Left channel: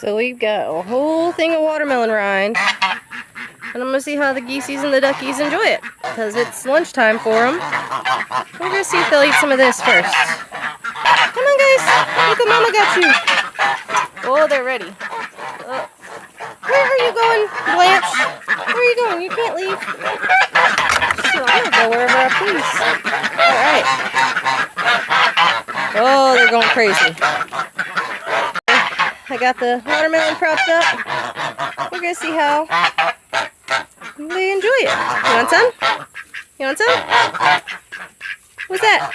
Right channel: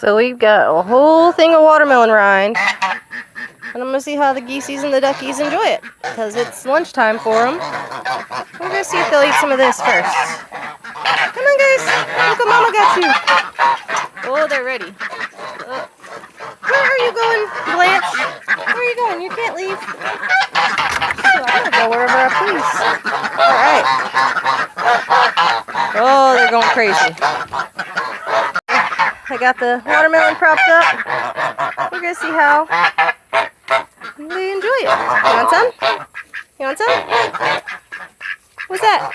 So we've got a whole thing of watermelon rind. And I'm going to see how the geesies and the duckies enjoy it. Because it's lunchtime for them. We're going to see if they'll eat some of this first. Come on, guys. Look what Mama got you. Oh, they're ready. Where are you going, Blanche? Where are you going? You can't leave. So I'm going to go wherever I please. Alright. Oh, they're going crazy. I got the watermelon propped up. We're going to see how they enjoy it. You want some? You want some? What's that?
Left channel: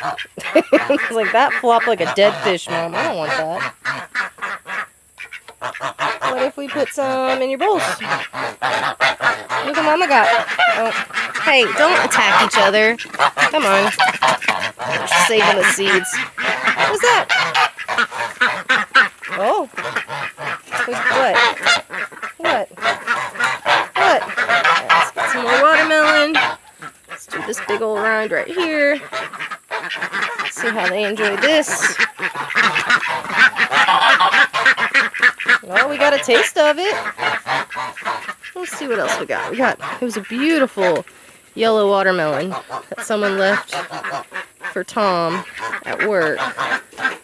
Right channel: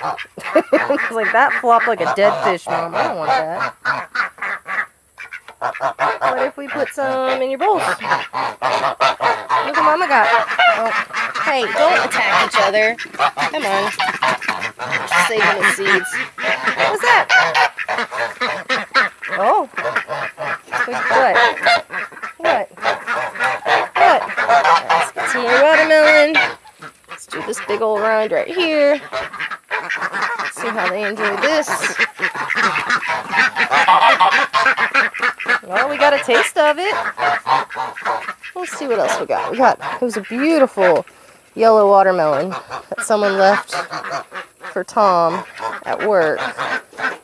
It's like that flopped like a dead fish, Mom. I don't want that. What if we put some in your bowls? Look what Mama got. Oh. Hey, don't attack each other. Come on. Just saving the seeds. What's that? Oh. What? What? Let's get some more watermelon. Let's do this big old rind right here. See how they enjoy this. Well, we got a taste of it. Let's see what else we got. It was a beautiful yellow watermelon that someone left for Tom at work.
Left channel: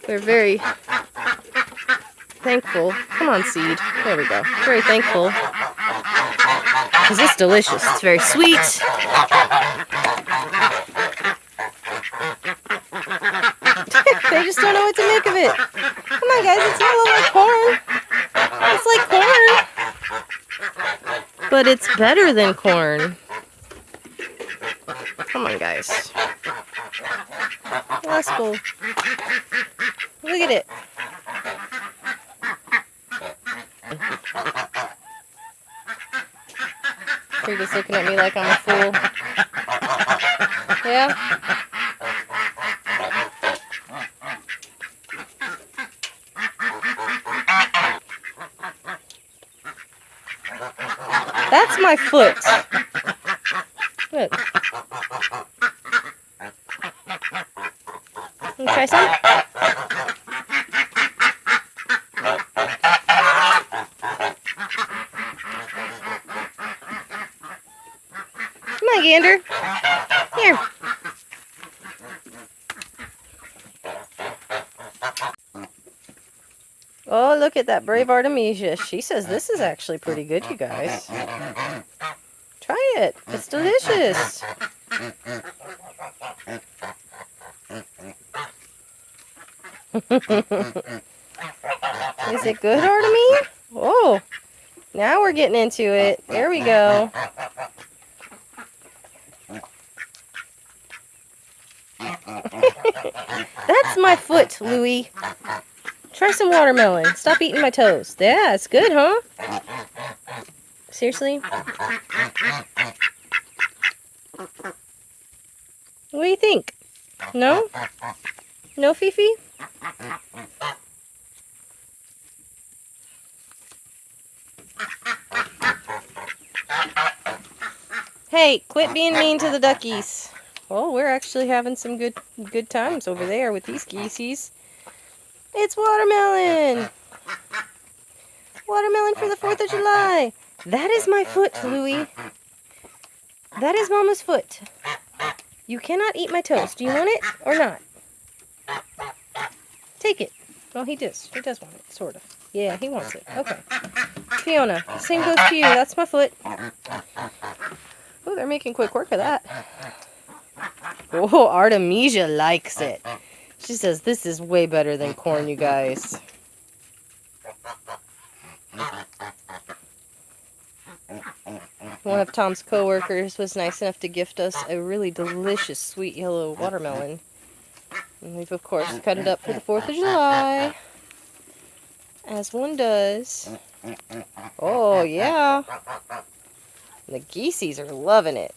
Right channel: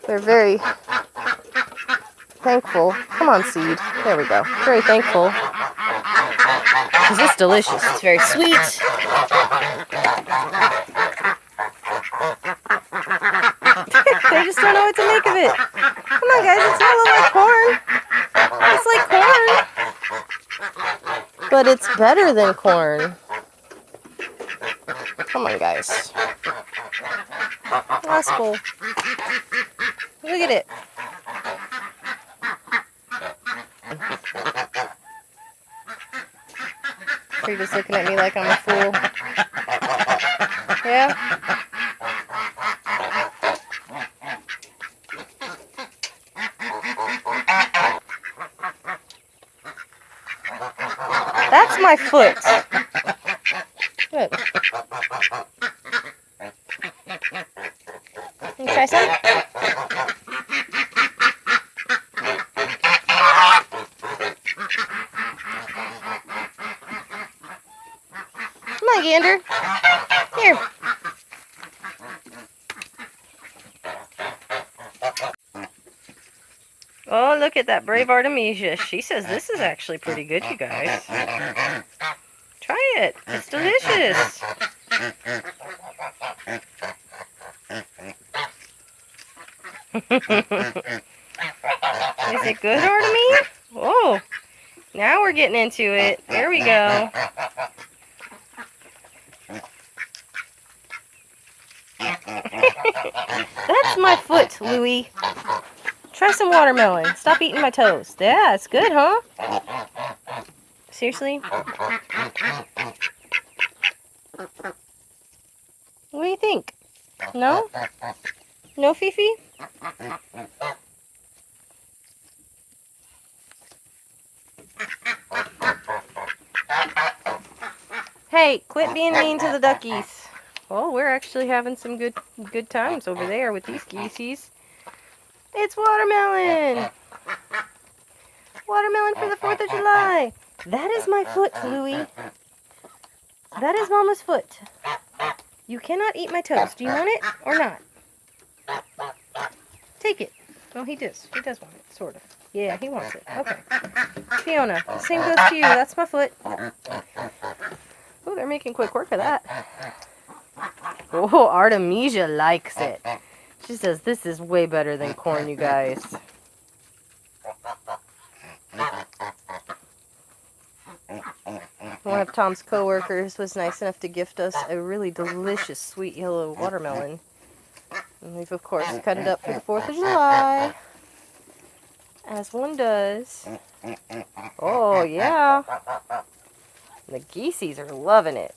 They're very thankful. Come on, seed. There we go. Very thankful. Because it's delicious. It's very sweet. They just don't know what to make of it. Come on, guys. It's not like corn. It's like corn. But it's better than corn. Come on, guys. That's cool. Look at it. You're just looking at me like I'm a fool. Yeah? That's my foot. Good. Can you try some? Come on, Gander. Here. Oh, look at that brave Artemisia. She says this is actually pretty good, you guys. Try it. It's delicious. Is it good, Artemisia? Oh, now we're getting into it. There we go. That's my foot, Louie. Try some watermelon. Stop eating my toes. Yeah, it's good, huh? Seriously? What do you think? No? No, Fifi? Hey, quit being mean to the duckies. Oh, we're actually having some good times over there with these geesies. It's watermelon! Watermelon for the 4th of July! That is my foot, Louie. That is Mama's foot. You cannot eat my toes. Do you want it or not? Take it. Oh, he does. He does want it, sort of. Yeah, he wants it. Okay. Fiona, same goes to you. That's my foot. Oh, they're making quick work of that. Oh, Artemisia likes it. She says this is way better than corn, you guys. One of Tom's coworkers was nice enough to gift us a really delicious sweet yellow watermelon. And we've, of course, cut it up for the 4th of July. As one does. Oh, yeah. The geesies are loving it.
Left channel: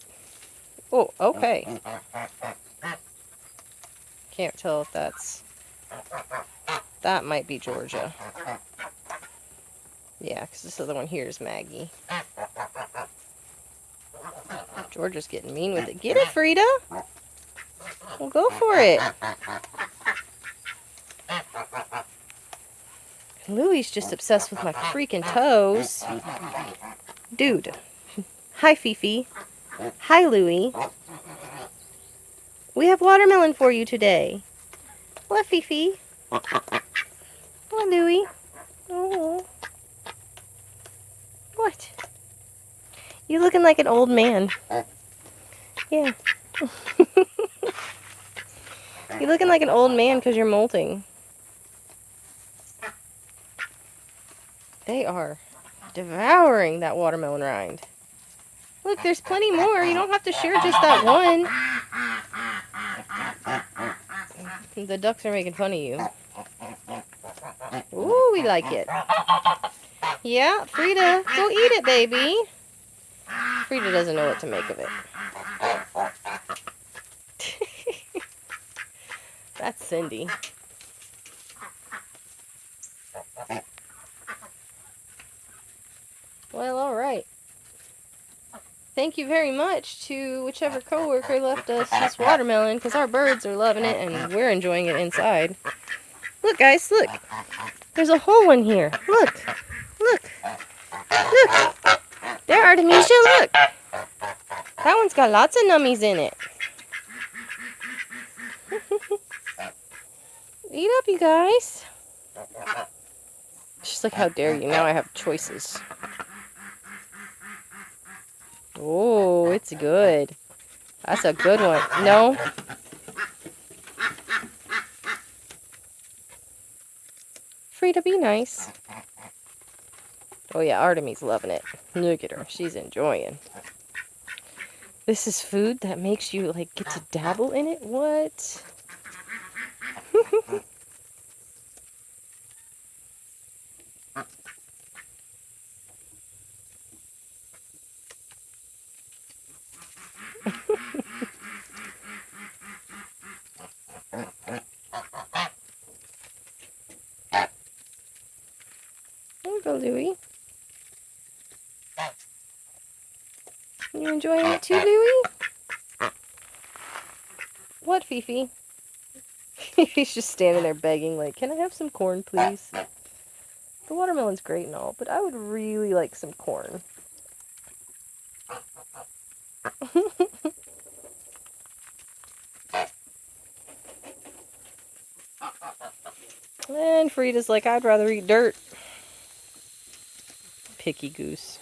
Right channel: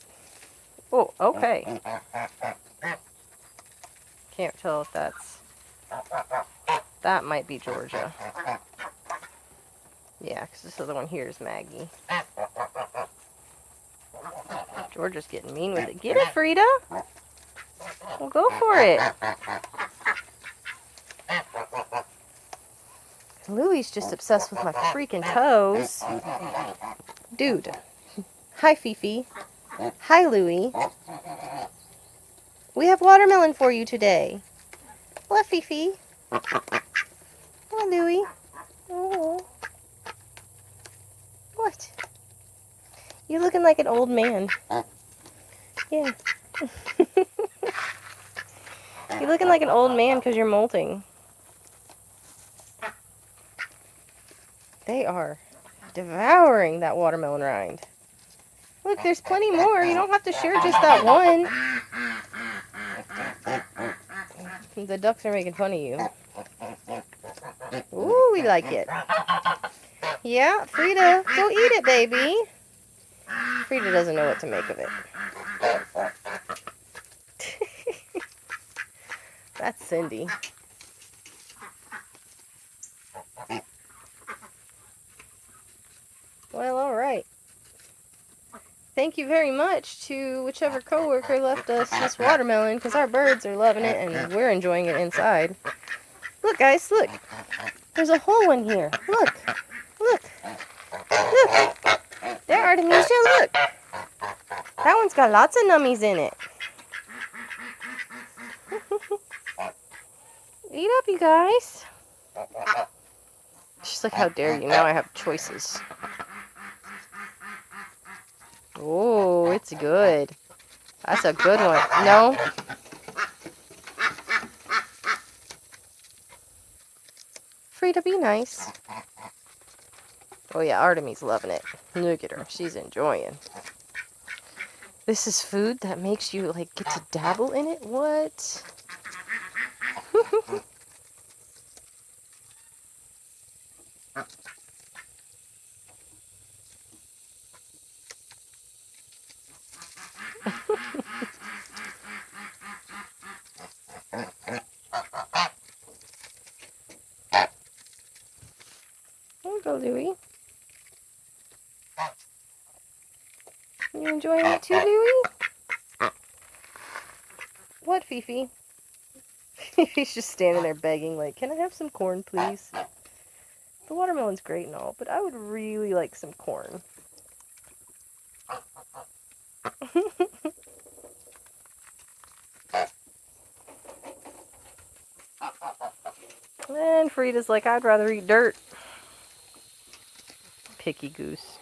Oh, okay. Can't tell if that's... That might be Georgia. Yeah, because this other one here is Maggie. Georgia's getting mean with it. Get it, Frida! Well, go for it. Louie's just obsessed with my freaking toes. Dude. Hi, Fifi. Hi, Louie. We have watermelon for you today. What, Fifi? Hi, Louie. Oh. What? You looking like an old man. Yeah. You're looking like an old man because you're molting. They are devouring that watermelon rind. Look, there's plenty more. You don't have to share just that one. The ducks are making fun of you. Ooh, we like it. Yeah, Frida, go eat it, baby. Frida doesn't know what to make of it. That's Cindy. Well, alright. Thank you very much to whichever coworker left us this watermelon, because our birds are loving it and we're enjoying it inside. Look, guys, look. There's a hole in here. Look. Look. Look. There, Artemisia, look. That one's got lots of nummies in it. Eat up, you guys. She's like, how dare you? Now I have choices. Oh, it's good. That's a good one. No? Frida, be nice. Oh yeah, Artemie's loving it. Look at her. She's enjoying. This is food that makes you, like, get to dabble in it? What? There you go, Louie. You enjoying it too, Louie? What, Fifi? He's just standing there begging, like, can I have some corn, please? The watermelon's great and all, but I would really like some corn. And Frida's like, I'd rather eat dirt. Picky goose.